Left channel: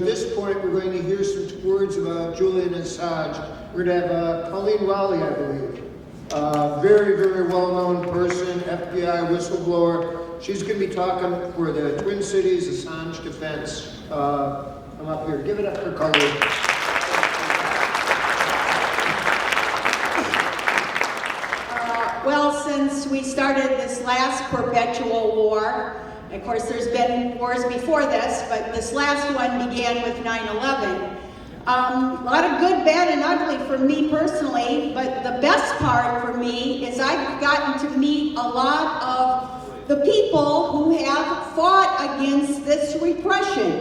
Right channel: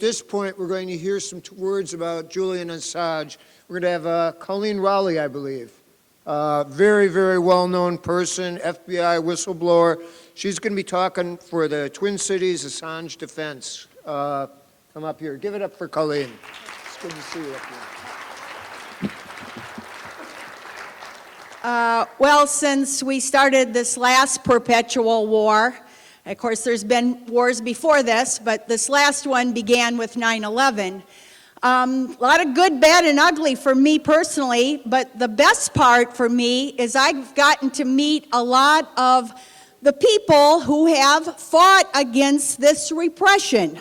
at this point, we're going to hear some words about Julian Assange. We're going to have Coleen Rowley, I believe. Very, very well-known person, FBI whistleblower. She's going to be talking for the Twin Cities Assange defense. Come up here. Give it up for Coleen. Well, since we started this last perpetual war, of course there's been wars before this, but this last one began with 9/11. A lot of good, bad, and ugly for me personally, but the best part for me is I've gotten to meet a lot of the people who have fought against this repression.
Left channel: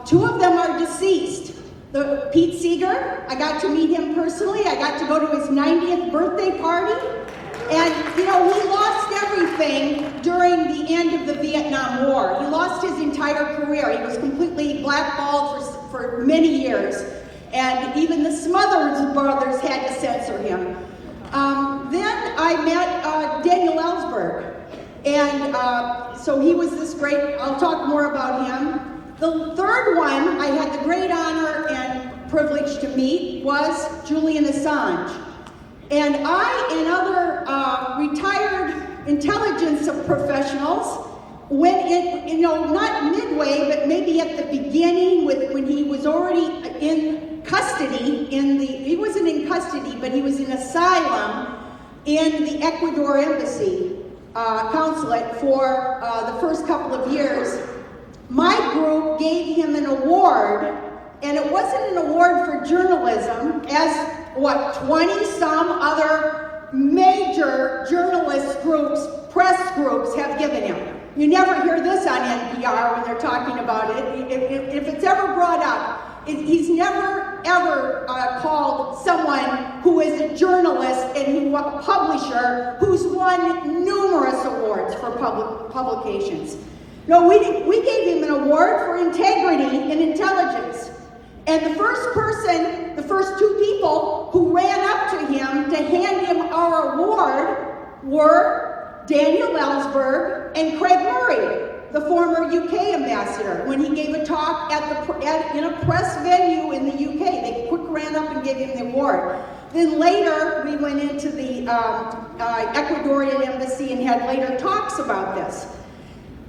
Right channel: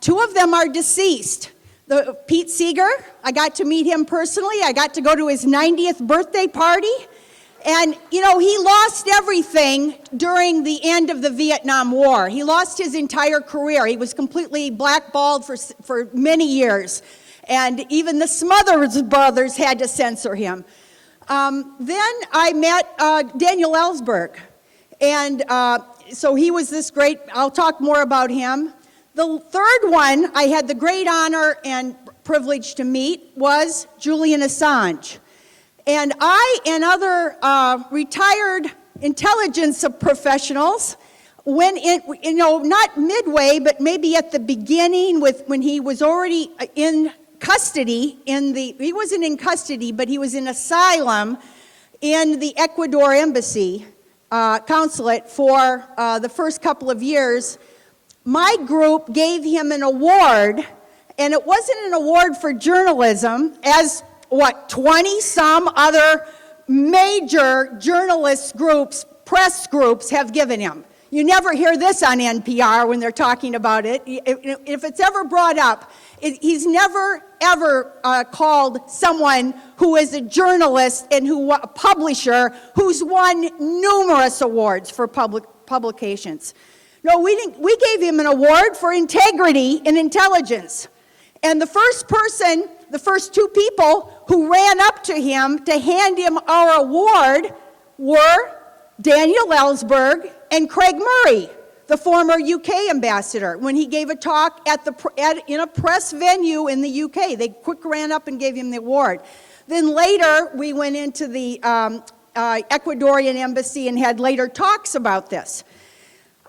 Two of them are deceased. Pete Seeger, I got to meet him personally. I got to go to his 90th birthday party. And, you know, he lost everything during the end of the Vietnam War. He lost his entire career. He was completely blackballed for many years. And even the Smothers Brothers had to censor him. Then I met Daniel Ellsberg. And so he was this great, I'll talk more about him. The third one I had the great honor and privilege to meet was Julian Assange. And I and other retired intelligence professionals went in, you know, not midway, but maybe at the beginning when he was already in custody, he wasn't in custody, but he was in asylum in the Ecuador embassy consulate for the first couple of years. My group gave him an award, and it wasn't an award for journalism, as 20-some other major journalist groups, press groups have given him. You never hear this on NPR when they're talking about it. If it's ever brought up, he's never, ever called someone who is a journalist and a publisher who's won numerous awards for publications. No, we gave him an award for integrity and intelligence. And the first two people who ran up to him to hand him our award were Daniel Ellsberg and Craig Murray, the former UK ambassador, when he gave a talk in a press venue in the UK. They quick ran up and gave him the award. Then later, we went into the Ecuadorian embassy and had later talks about this.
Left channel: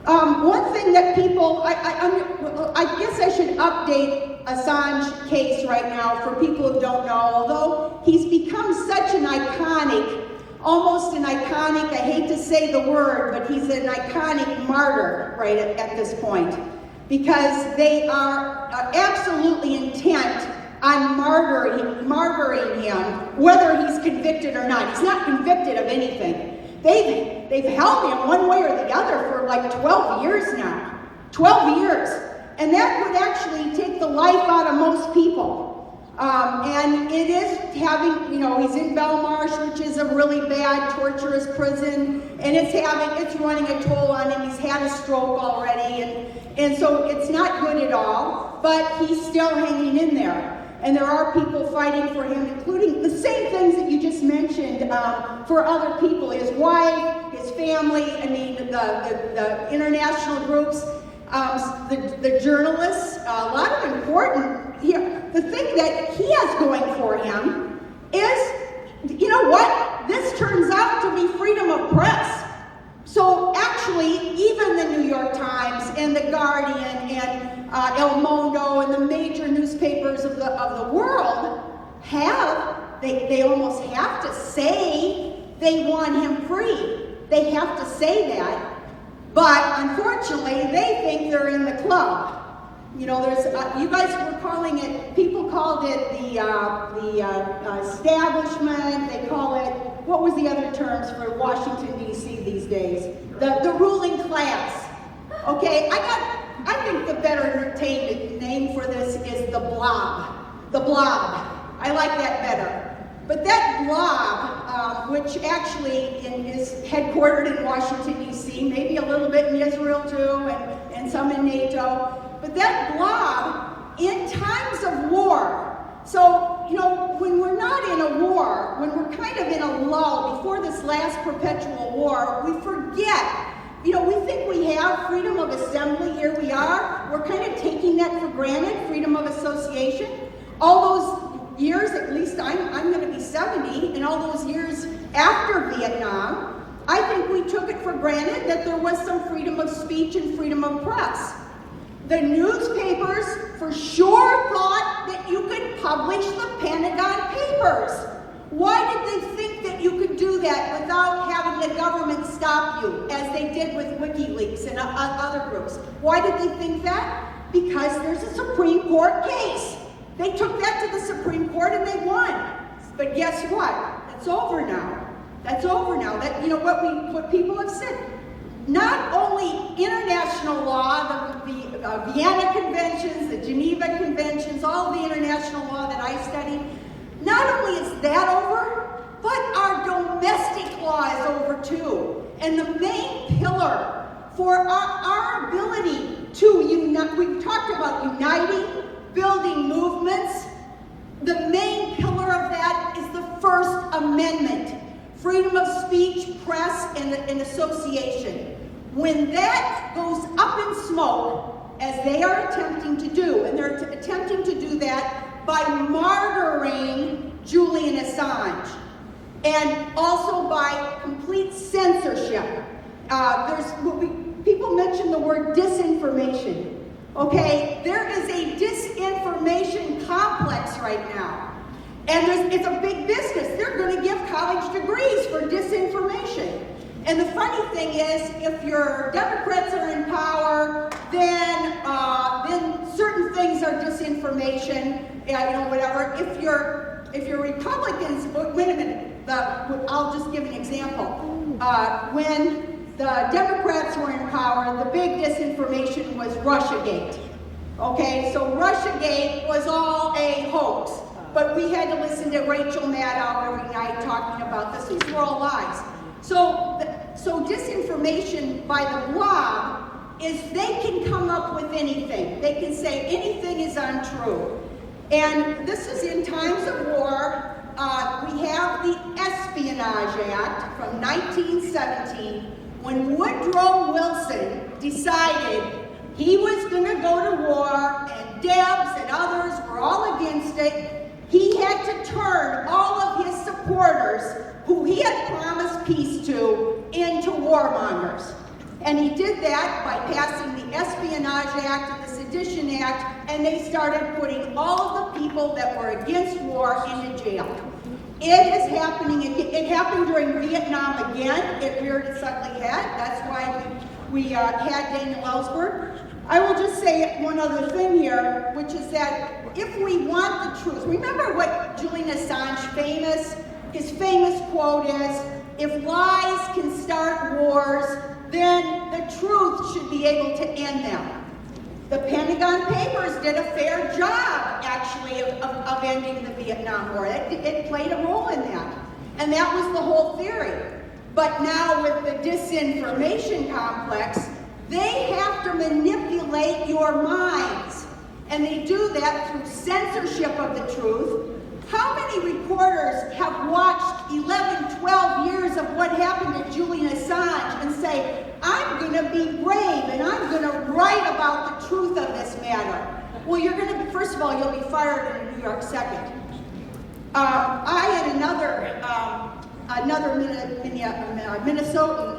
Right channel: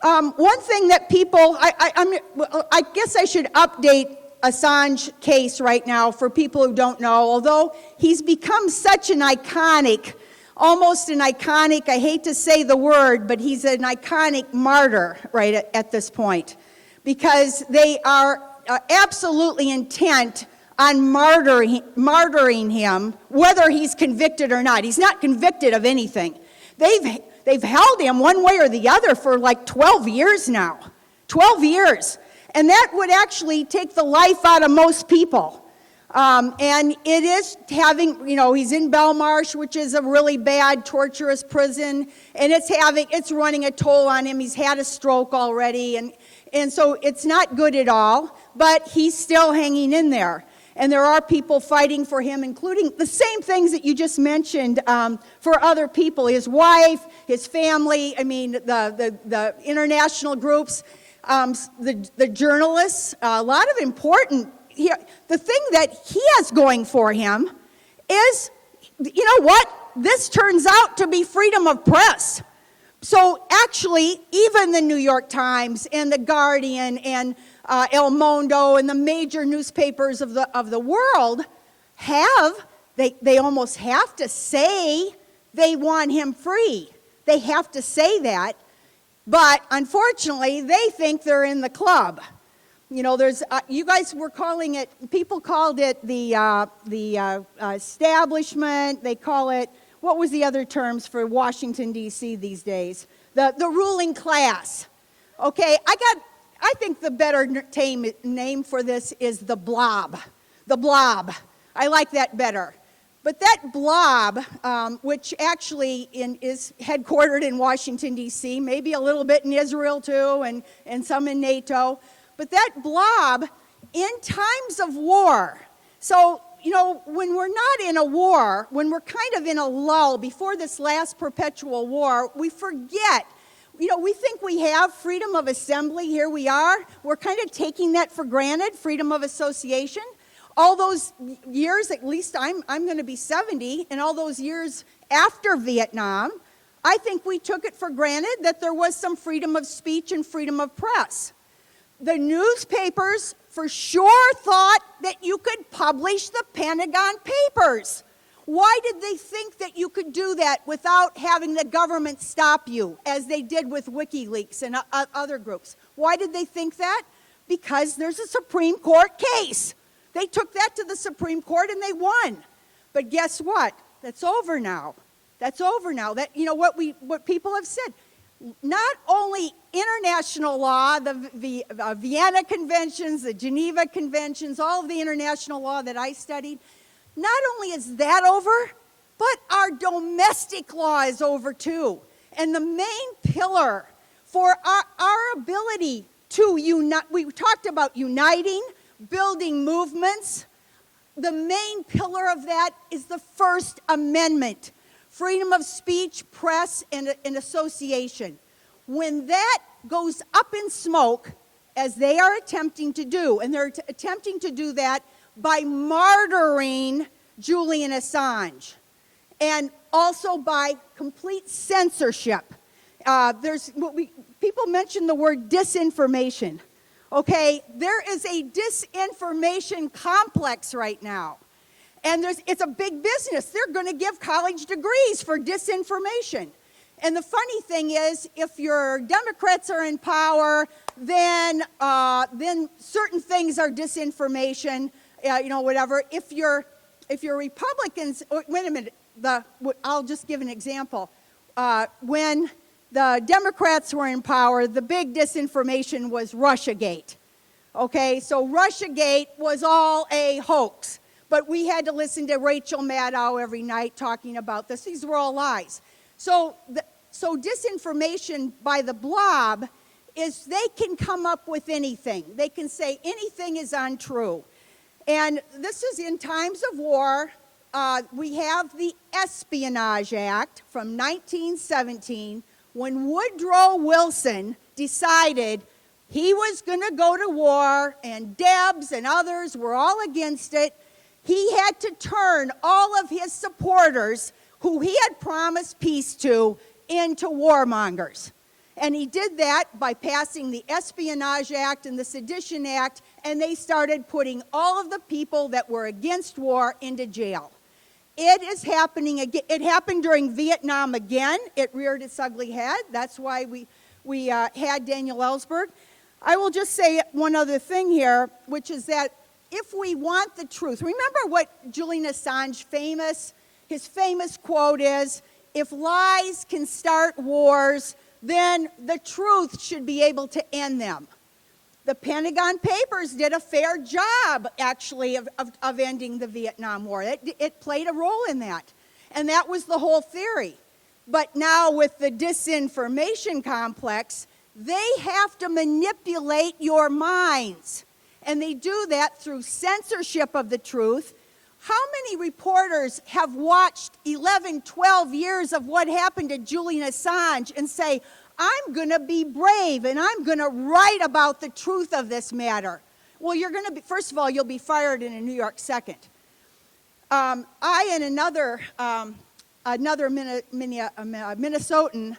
One thing that people, I guess I should update Assange case right now for people who don't know, although he's become such an iconic, almost an iconic, I hate to say the word, but he's an iconic martyr right at this point, because they are absolutely intent on martyring him, whether he's convicted or not. He's not convicted of anything. They've held him one way or the other for like 12 years now. 12 years. And that would actually take the life out of most people. And it is having, you know, he's in Belmarsh, which is a really bad, torturous prison, and it's running a toll on him. He's had a stroke already, and so it's not good at all, but he's still hanging in there. And there are people fighting for him, including the same things that you just mentioned for other people, his wife, his family, I mean, the international groups, the journalists, a lot of important here. The thing that he has going for him is, you know what? This turns out to be freedom of press. So actually, even the New York Times and the Guardian and El Mundo and the major newspapers of the world they almost have to say they want him free. They have to say that, but unfortunately, they think they're in the club. You know, there's you guys were calling it. People called it the establishment. They call it, what was the other terms for Washington D.C. these days? The ruling class. Okay, I think the better name for this is the blob. The blob. I like that better. But that blob, which actually is headquartered in Washington, D.C., maybe a little bit in Israel too, and some in NATO, but that blob, in times of war, so, you know, when we're not in a war, when we're kind of in a lull before this last perpetual war, we forget we think we have freedom of assembly. Here we are. We're kind of taking that for granted, freedom of association. All those years, at least I'm going to be 70, and all those years after Vietnam, I think we took it for granted that there was some freedom of speech and freedom of press. The newspapers for sure thought that you could publish the Pentagon Papers. Why did they think that you could do that without having the government stop you, as they did with WikiLeaks and other groups? Why did they think that? Because there's a Supreme Court case. They took that to the Supreme Court and they won. But guess what? That's over now. That's over now. That, what people have said. Not only international law, the Vienna Conventions, the Geneva Conventions, all the international law that I studied, not only is that over, but our domestic law is over too. And the main pillar for our ability to unite, we've talked about uniting, building movements. The main pillar of that is the First Amendment. Freedom of speech, press, and association. When that goes up in smoke, as they are attempting to do, and they're attempting to do that by martyring Julian Assange, and also by complete censorship. People mention the word disinformation. Okay, there is a disinformation complex right now. And it's a big business. They're going to give college degrees for disinformation. And the funny thing is, if your Democrats are in power, then certain things are disinformation, whatever. If you're Republicans, wait a minute. I'll just give an example. When the Democrats were in power, the big disinformation was Russiagate. Okay, so Russiagate was all a hoax. But we had to listen to Rachel Maddow every night talking about this. These were all lies. So disinformation by the blob is they can come up with anything. They can say anything is untrue. And this is in times of war. We have the Espionage Act from 1917 when Woodrow Wilson decided he was going to go to war, and Debs and others were all against it. He had to turn all of his supporters, who he had promised peace to, into warmongers. And he did that by passing the Espionage Act and the Sedition Act, and they started putting all of the people that were against war into jail. It is happening again. It happened during Vietnam again. It reared its ugly head. That's why we had Daniel Ellsberg. I will just say one other thing here, which is that if we want the truth, remember what Julian Assange his famous quote is, if lies can start wars, then the truth should be able to end them. The Pentagon Papers did a fair job, actually, of ending the Vietnam War. It played a role in that. And that was the whole theory. But now with the disinformation complex, they have to manipulate your minds. And they do that through censorship of the truth. How many reporters have watched 11, 12 years of what happened to Julian Assange and say, I'm going to be brave and I'm going to write about the truth of this matter? Well, you're going to, first of all, you'll be fired in a New York second. I and another Minnesotan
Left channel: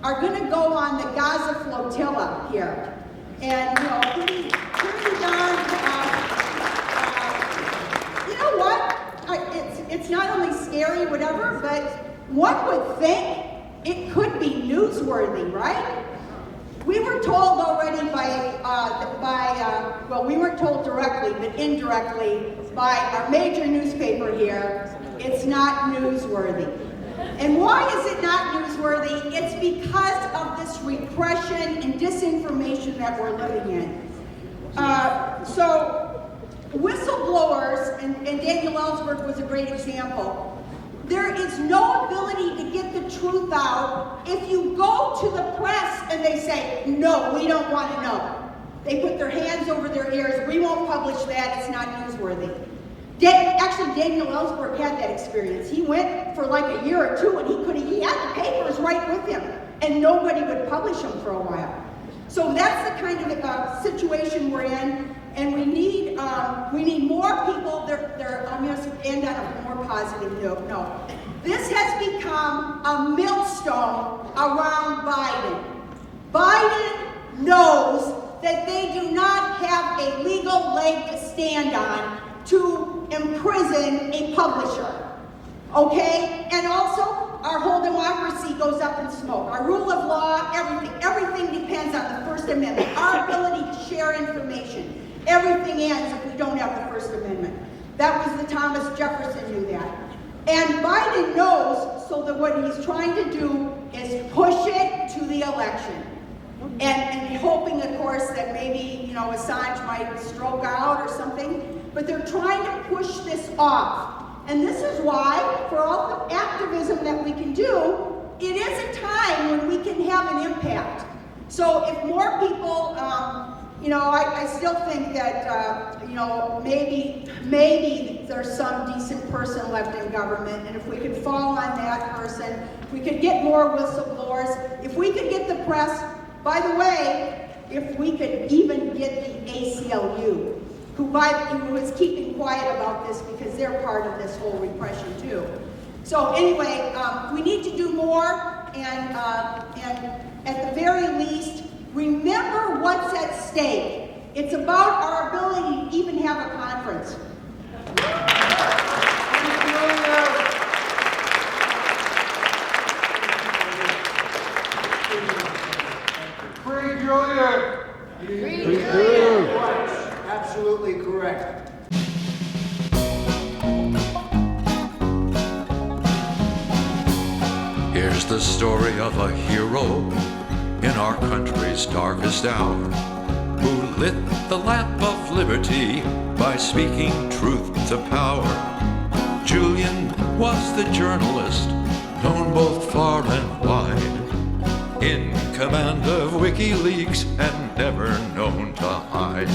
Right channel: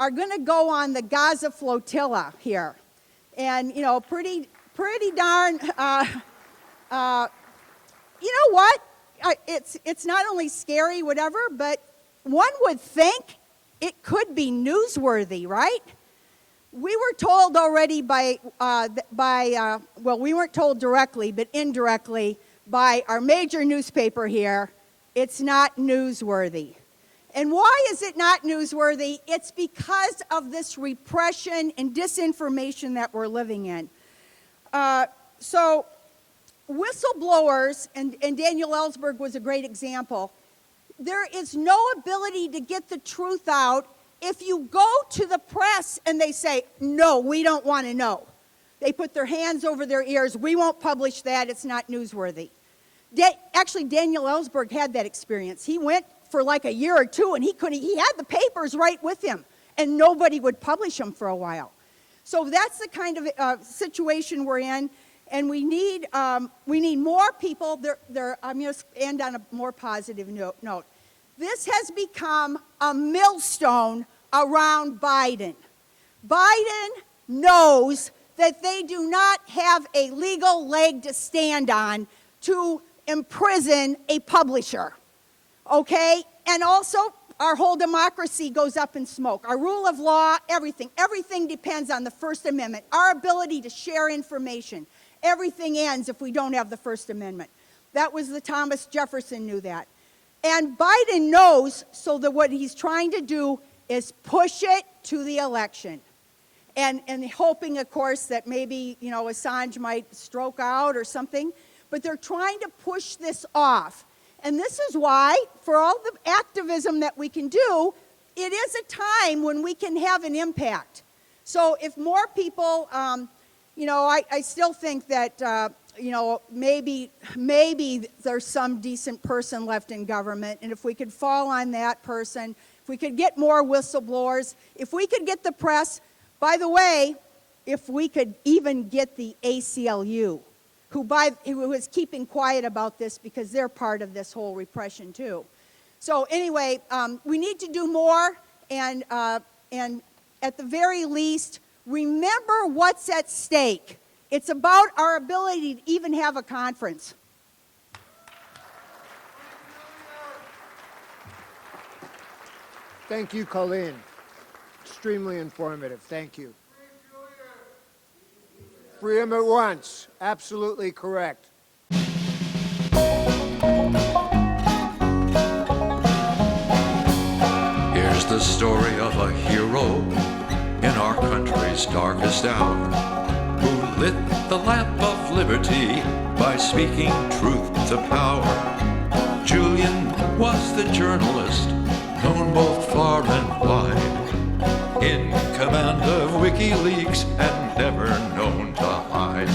are going to go on the Gaza flotilla here. And, pretty darn, you know what? It's not only scary, whatever, but one would think it could be newsworthy, right? We were told already we weren't told directly, but indirectly by our major newspaper here, it's not newsworthy. And why is it not newsworthy? It's because of this repression and disinformation that we're living in. So whistleblowers, and Daniel Ellsberg was a great example, there is no ability to get the truth out if you go to the press and they say, no, we don't want to know. They put their hands over their ears, we won't publish that, it's not newsworthy. Actually, Daniel Ellsberg had that experience. He went for like a year or two and he had the papers right with him. and nobody would publish them for a while. So that's the kind of situation we're in, and we need more people. I'm going to end on a more positive note. No, this has become a millstone around Biden. Biden knows that they do not have a legal leg to stand on to imprison a publisher, okay? And also, our whole democracy goes up in smoke. Our rule of law, everything depends on the First Amendment. Our ability to share information. Everything ends if we don't have the First Amendment. That was the Thomas Jefferson knew that. And Biden knows, so that what he's trying to do is push it to the election. And hoping, of course, that maybe, Assange might stroke out or something, but they're trying to push this off. And this is why, for all the activism that we can do, it is a time when we can have an impact. So if more people, I still think that, maybe there's some decent person left in government, and if we could fall on that person, if we could get more whistleblowers, if we could get the press. By the way, if we could even get the ACLU, who was keeping quiet about this because they're part of this whole repression too. So anyway, we need to do more, and at the very least, remember what's at stake. It's about our ability to even have a conference. Thank you, Coleen. Extremely informative. Thank you. Free Julian! Free Julian once. Absolutely correct. Here's the story of a hero in our country's darkest hour, who lit the lamp of liberty by speaking truth to power. Julian was the journalist, known both far and wide, in command of WikiLeaks and never known to hide.